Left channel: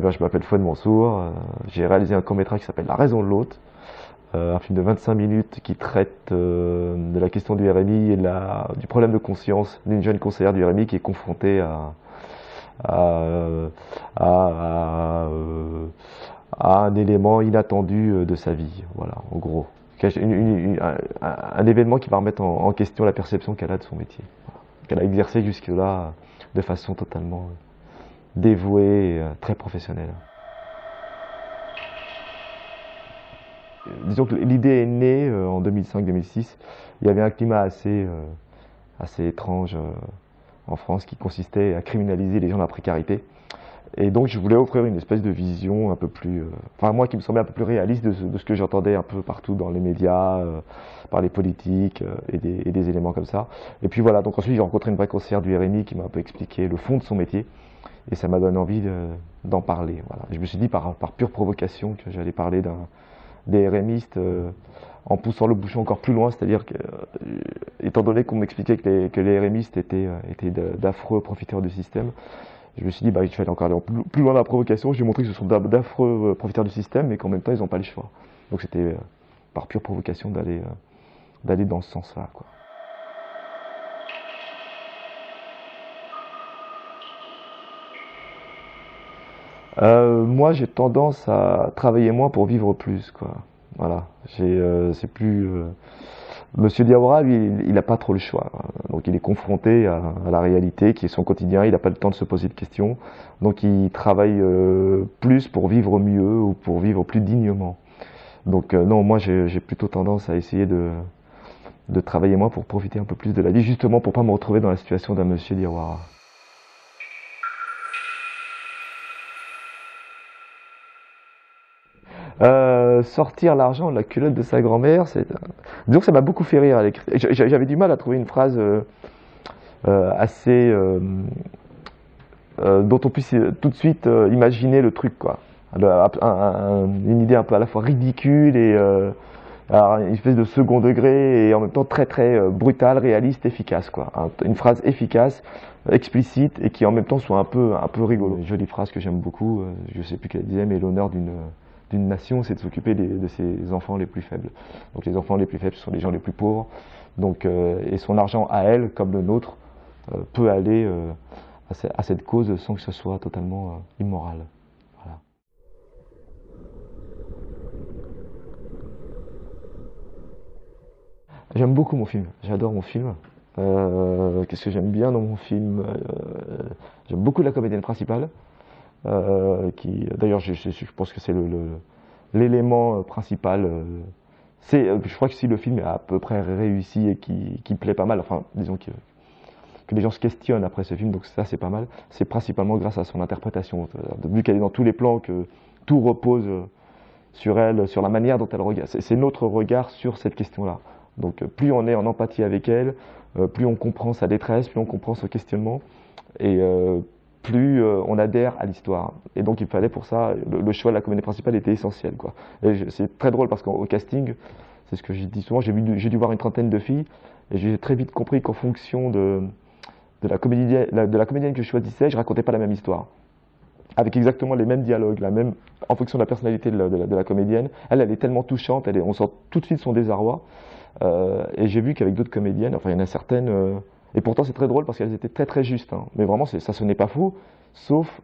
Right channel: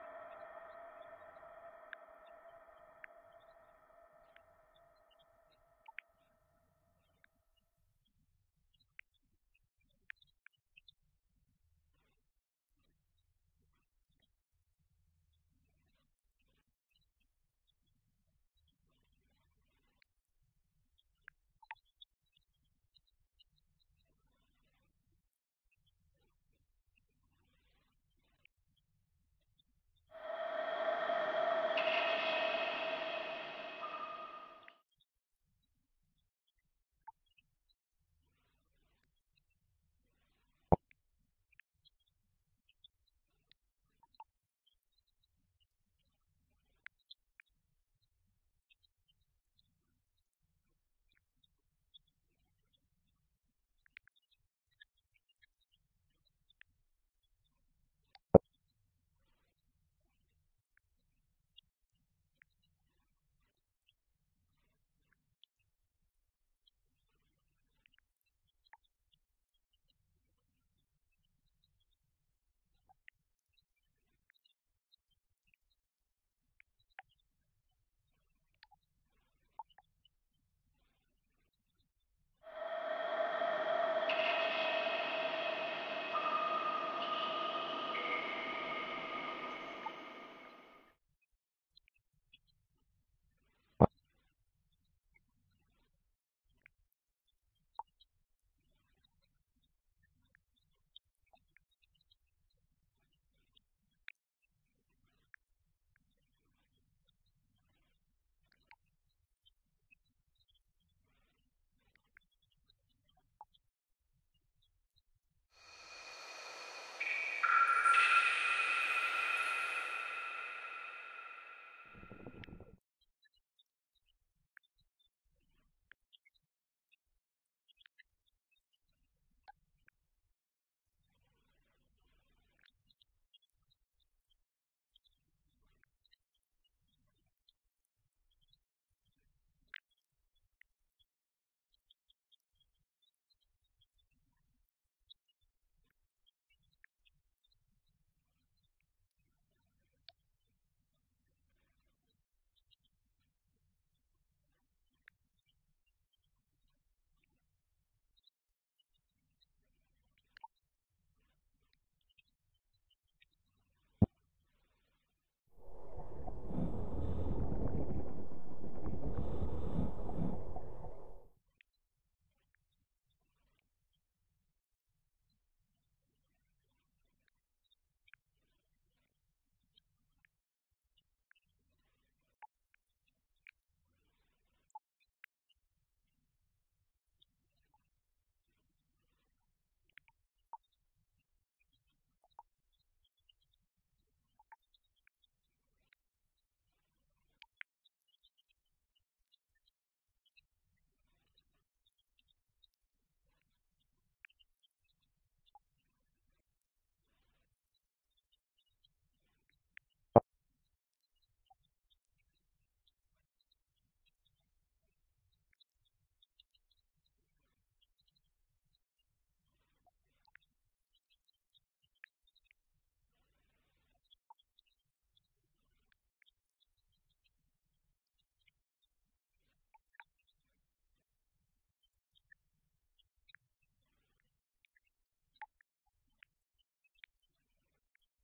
Je m'appelle Fouad Mansour, j'ai réalisé un court-métrage qui s'appelle La raison de l'autre, un film de 25 minutes qui traite de la question du RMI et du problème de conscience d'une jeune conseillère du RMI qui est confrontée à, euh, à, euh, à un élément inattendu de sa vie. Voilà, en gros. Un événement qui va remettre en question la perception qu'elle a de son métier, voilà, qu'elle a exercé jusque-là de façon totalement dévouée et très professionnelle. Disons que l'idée est née en 2005-2006. Il y avait un climat assez étrange en France qui consistait à criminaliser les gens dans la précarité. Et donc je voulais offrir une espèce de vision un peu plus, enfin moi qui me semblait un peu plus réaliste de ce que j'entendais un peu partout dans les médias, par les politiques et des éléments comme ça. Et puis voilà, donc ensuite j'ai rencontré une vraie conseillère du RMI qui m'a un peu expliqué le fond de son métier. Et ça m'a donné envie d'en parler. Voilà. Je me suis dit par pure provocation que j'allais parler des RMistes en poussant le bouchon encore plus loin, c'est-à-dire que, étant donné qu'on m'expliquait que les RMistes étaient d'affreux profiteurs du système, je me suis dit bah, il fallait encore aller plus loin dans la provocation. J'ai montré que ce sont d'affreux profiteurs du système, mais qu'en même temps ils n'ont pas le choix. Donc c'était par pure provocation d'aller dans ce sens-là, quoi. Moi, j'ai tendance à travailler moins pour vivre plus, quoi. Voilà. C'est plus. Monsieur Diawara, lui, il n'a pas trop le choix. Donc, il est confronté à la réalité, qui est son quotidien. Il n'a pas le temps de se poser de questions. Donc, il travaille plus pour vivre mieux ou pour vivre plus dignement. Donc, non, moi, j'ai plutôt tendance à essayer de travailler moins pour profiter un peu plus de la vie, justement pour pas me retrouver dans la situation d'un Monsieur Diawara. Sortir l'argent de la culotte de sa grand-mère, disons que ça m'a beaucoup fait rire à l'écrit. J'avais du mal à trouver une phrase assez dont on puisse tout de suite imaginer le truc, quoi. Une idée un peu à la fois ridicule et alors, une espèce de second degré et en même temps très très brutale, réaliste, efficace, quoi. Une phrase efficace, explicite et qui en même temps soit un peu rigolo. Une jolie phrase que j'aime beaucoup, je sais plus qu'elle disait, mais l'honneur d'une nation, c'est de s'occuper de ses enfants les plus faibles. Donc les enfants les plus faibles, ce sont les gens les plus pauvres. Donc, et son argent à elle, comme le nôtre, peut aller à cette cause sans que ce soit totalement immoral. Voilà. J'aime beaucoup mon film, j'adore mon film. Qu'est-ce que j'aime bien dans mon film? J'aime beaucoup la comédienne principale, d'ailleurs je pense que c'est l'élément principal. Je crois que si le film est à peu près réussi et qui plaît pas mal, enfin disons que les gens se questionnent après ce film, donc ça c'est pas mal, c'est principalement grâce à son interprétation. Vu qu'elle est dans tous les plans, que tout repose sur elle, sur la manière dont elle regarde. C'est notre regard sur cette question-là. Donc plus on est en empathie avec elle, plus on comprend sa détresse, plus on comprend son questionnement, et plus on adhère à l'histoire. Et donc il fallait pour ça, le choix de la comédie principale était essentiel, quoi. C'est très drôle parce qu'au casting, c'est ce que j'ai dit souvent, j'ai dû voir une trentaine de filles, et j'ai très vite compris qu'en fonction de la comédienne que je choisissais, je racontais pas la même histoire avec exactement les mêmes dialogues, en fonction de la personnalité de la comédienne. Elle est tellement touchante, on sent tout de suite son désarroi. Et j'ai vu qu'avec d'autres comédiennes, enfin il y en a certaines, et pourtant c'est très drôle parce qu'elles étaient très très justes, hein. Mais vraiment ça sonnait pas fou, sauf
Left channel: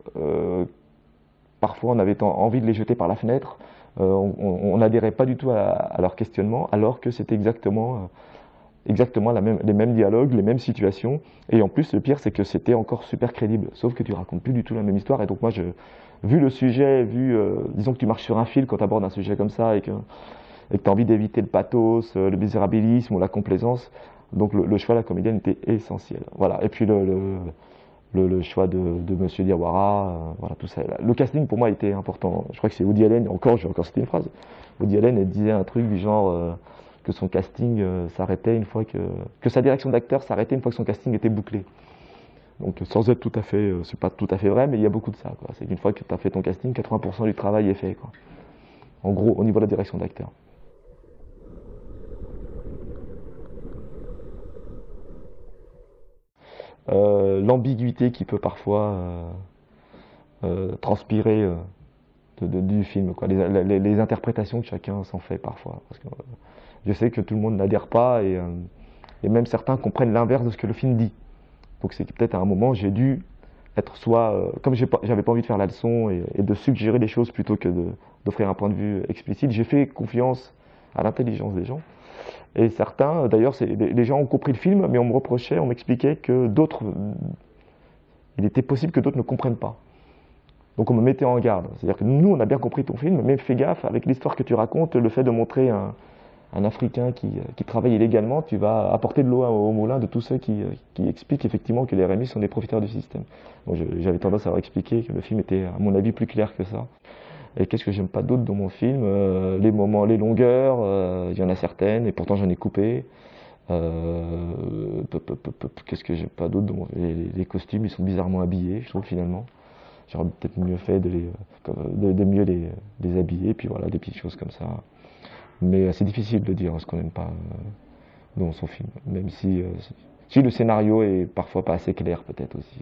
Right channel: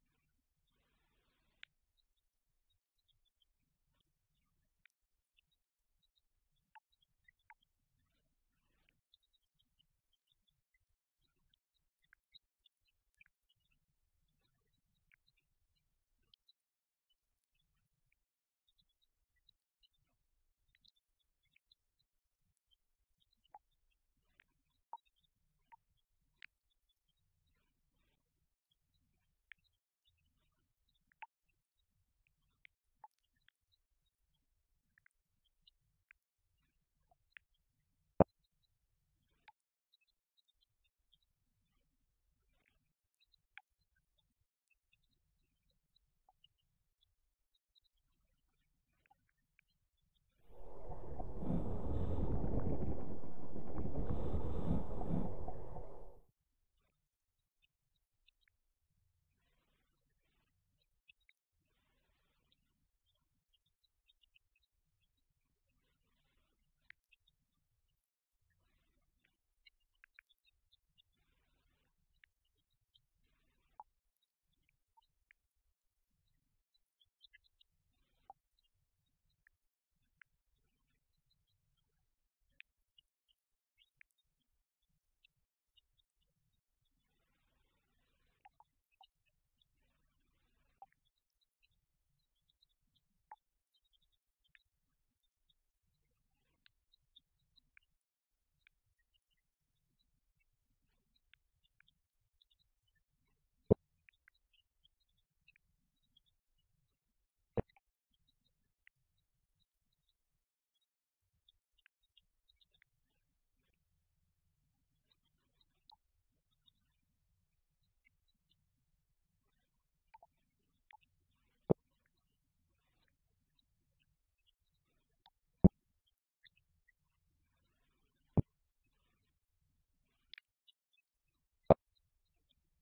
parfois on avait envie de les jeter par la fenêtre, on n'adhérait pas du tout à leur questionnement, alors que c'était exactement les mêmes dialogues, les mêmes situations. Et en plus, le pire, c'est que c'était encore super crédible. Sauf que tu racontes plus du tout la même histoire. Et donc moi, vu le sujet, disons que tu marches sur un fil quand tu abordes un sujet comme ça et que tu as envie d'éviter le pathos, le misérabilisme ou la complaisance, donc le choix de la comédienne était essentiel. Voilà. Et puis le choix de Monsieur Diawara, voilà, tout ça. Le casting pour moi était important. Je crois que c'est Woody Allen, je vais encore citer une phrase. Woody Allen elle disait un truc du genre que son casting s'arrêtait une fois que sa direction d'acteur s'arrêtait une fois que son casting était bouclé. Donc sans être tout à fait, c'est pas tout à fait vrai, mais il y a beaucoup de ça, quoi. C'est qu'une fois que tu as fait ton casting, 80% du travail est fait, quoi. En gros, au niveau de la direction d'acteur. L'ambiguïté qui peut parfois transpirer du film, quoi. Les interprétations que chacun s'en fait parfois. Parce que, je sais que tout le monde n'adhère pas et même certains comprennent l'inverse de ce que le film dit. Donc c'est peut-être à un moment j'ai dû être soit, comme j'avais pas envie de faire la leçon et de suggérer des choses plutôt que d'offrir un point de vue explicite, j'ai fait confiance à l'intelligence des gens. Et certains, d'ailleurs, les gens ont compris le film, mais on me reprochait, on m'expliquait que d'autres, il était possible que d'autres ne comprennent pas. Donc on me mettait en garde. C'est-à-dire que nous, on a bien compris ton film, mais fais gaffe, avec l'histoire que tu racontes, le fait de montrer un Africain qui travaille illégalement, tu vas apporter de l'eau au moulin de tous ceux qui expliquent effectivement que les RMI sont des profiteurs du système. Bon, j'avais tendance à leur expliquer que le film était, à mon avis, plus clair que ça. Et qu'est-ce que j'aime pas d'autre dans mon film? Les moments, les longueurs, il y en a certaines, et pourtant j'en ai coupé. Qu'est-ce que j'aime pas d'autre dans les costumes, ils sont bizarrement habillés, je trouve, finalement. J'aurais peut-être mieux fait de mieux les habiller, puis voilà, des petites choses comme ça. Mais c'est difficile de dire ce qu'on n'aime pas dans son film, même si le scénario est parfois pas assez clair, peut-être aussi.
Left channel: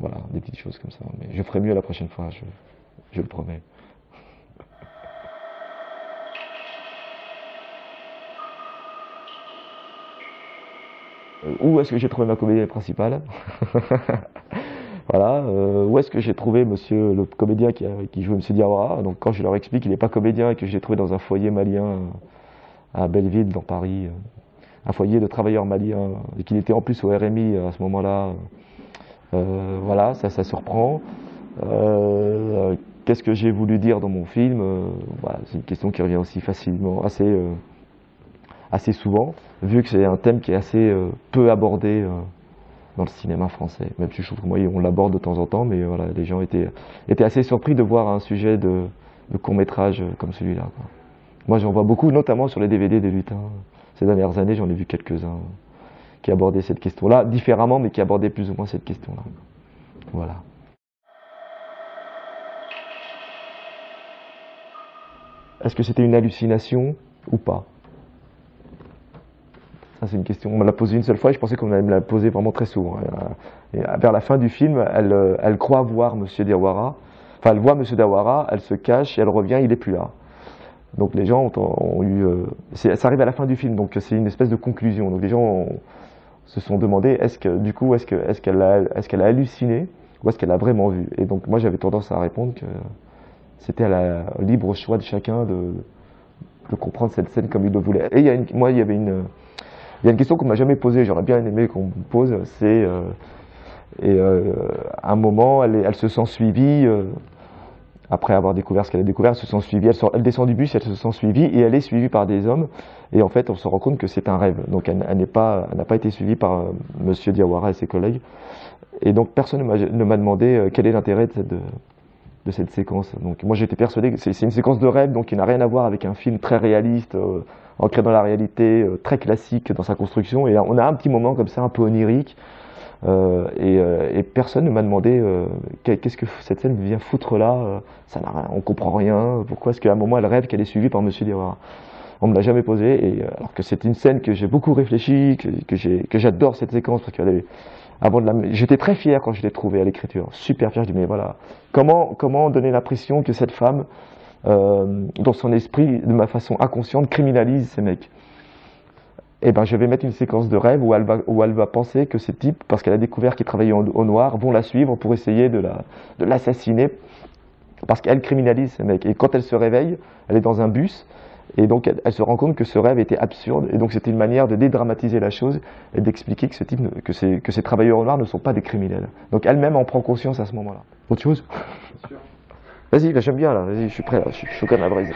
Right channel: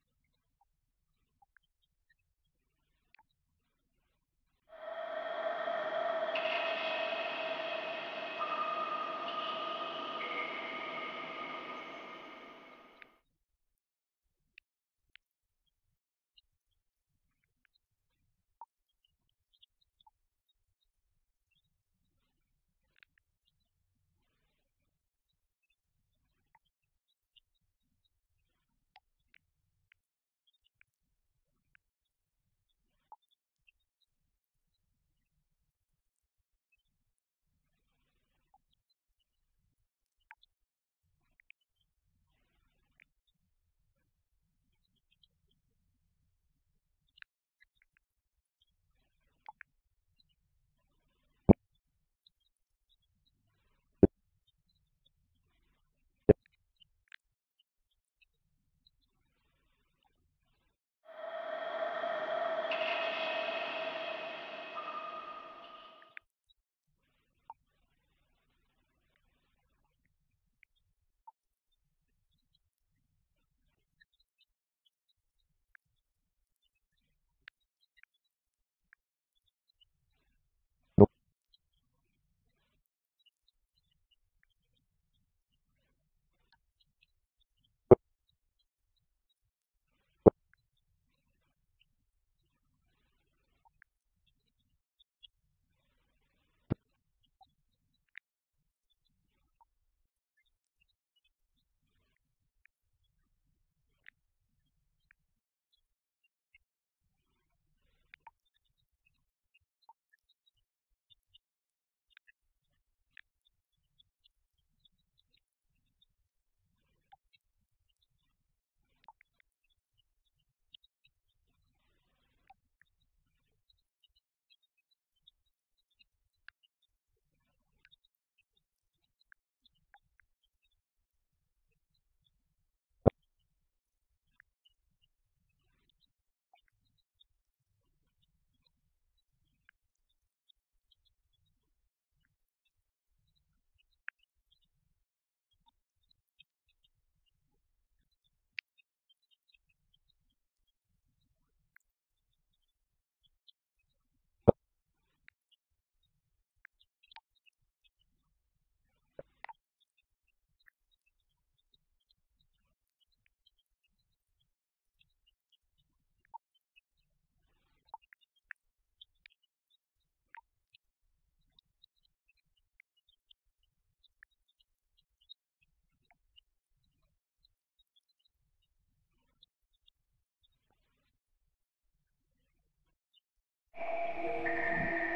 Voilà, des petites choses comme ça. Mais je ferai mieux la prochaine fois, je le promets. Où est-ce que j'ai trouvé ma comédienne principale? Voilà. Où est-ce que j'ai trouvé monsieur le comédien qui joue Monsieur Diawara? Donc quand je leur explique qu'il n'est pas comédien et que je l'ai trouvé dans un foyer malien à Belleville, dans Paris, un foyer de travailleurs maliens, et qu'il était en plus au RMI à ce moment-là, voilà, ça surprend. Qu'est-ce que j'ai voulu dire dans mon film? Voilà, c'est une question qui revient aussi facilement, assez souvent, vu que c'est un thème qui est assez peu abordé dans le cinéma français. Même si je trouve que moi, on l'aborde de temps en temps, mais voilà, les gens étaient assez surpris de voir un sujet de court-métrage comme celui-là, quoi. Moi, j'en vois beaucoup, notamment sur les DVD des lutins. Ces dernières années, j'en ai vu quelques-uns qui abordaient cette question-là, différemment, mais qui abordaient plus ou moins cette question-là. Voilà. Est-ce que c'était une hallucination ou pas? Ça, c'est une question. On me l'a posée une seule fois et je pensais qu'on allait me la poser vraiment très souvent. Et vers la fin du film, elle croit voir Monsieur Diawara. Enfin, elle voit Monsieur Diawara, elle se cache et elle revient, il n'est plus là. Donc les gens ont eu. Ça arrive à la fin du film, donc c'est une espèce de conclusion. Donc les gens se sont demandé est-ce qu'elle a halluciné ou est-ce qu'elle a vraiment vu? Et donc moi j'avais tendance à répondre que c'était au libre choix de chacun de comprendre cette scène comme il le voulait. Et il y a une question qu'on m'a jamais posée, j'aurais bien aimé qu'on me pose, c'est à un moment elle se sent suivie. Après avoir découvert ce qu'elle a découvert, elle se sent suivie. Elle descend du bus, elle se sent suivie et elle est suivie par des hommes. Et en fait, on se rend compte que c'est un rêve. Donc, elle n'a pas été suivie par Monsieur Diawara et ses collègues. Et donc, personne ne m'a demandé quel est l'intérêt de cette séquence. Donc, moi, j'étais persuadé que c'est une séquence de rêve, donc qui n'a rien à voir avec un film très réaliste, ancré dans la réalité, très classique dans sa construction. Et on a un petit moment comme ça, un peu onirique. Et personne ne m'a demandé qu'est-ce que cette scène vient foutre là, ça n'a rien, on comprend rien, pourquoi est-ce qu'à un moment elle rêve qu'elle est suivie par Monsieur Diawara. On me l'a jamais posé, et alors que c'est une scène que j'ai beaucoup réfléchi, que j'adore cette séquence, parce j'étais très fier quand je l'ai trouvée à l'écriture, super fier, je dis mais voilà, comment donner l'impression que cette femme, dans son esprit, de ma façon inconsciente, criminalise ces mecs. Eh ben, je vais mettre une séquence de rêve où elle va penser que ces types, parce qu'elle a découvert qu'ils travaillaient au noir, vont la suivre pour essayer de l'assassiner, parce qu'elle criminalise ces mecs. Et quand elle se réveille, elle est dans un bus, et donc elle se rend compte que ce rêve était absurde, et donc c'était une manière de dédramatiser la chose et d'expliquer que ces travailleurs au noir ne sont pas des criminels. Donc elle-même en prend conscience à ce moment-là. Autre chose? Vas-y, là, j'aime bien, là, vas-y, je suis prêt, là, je suis comme la brise.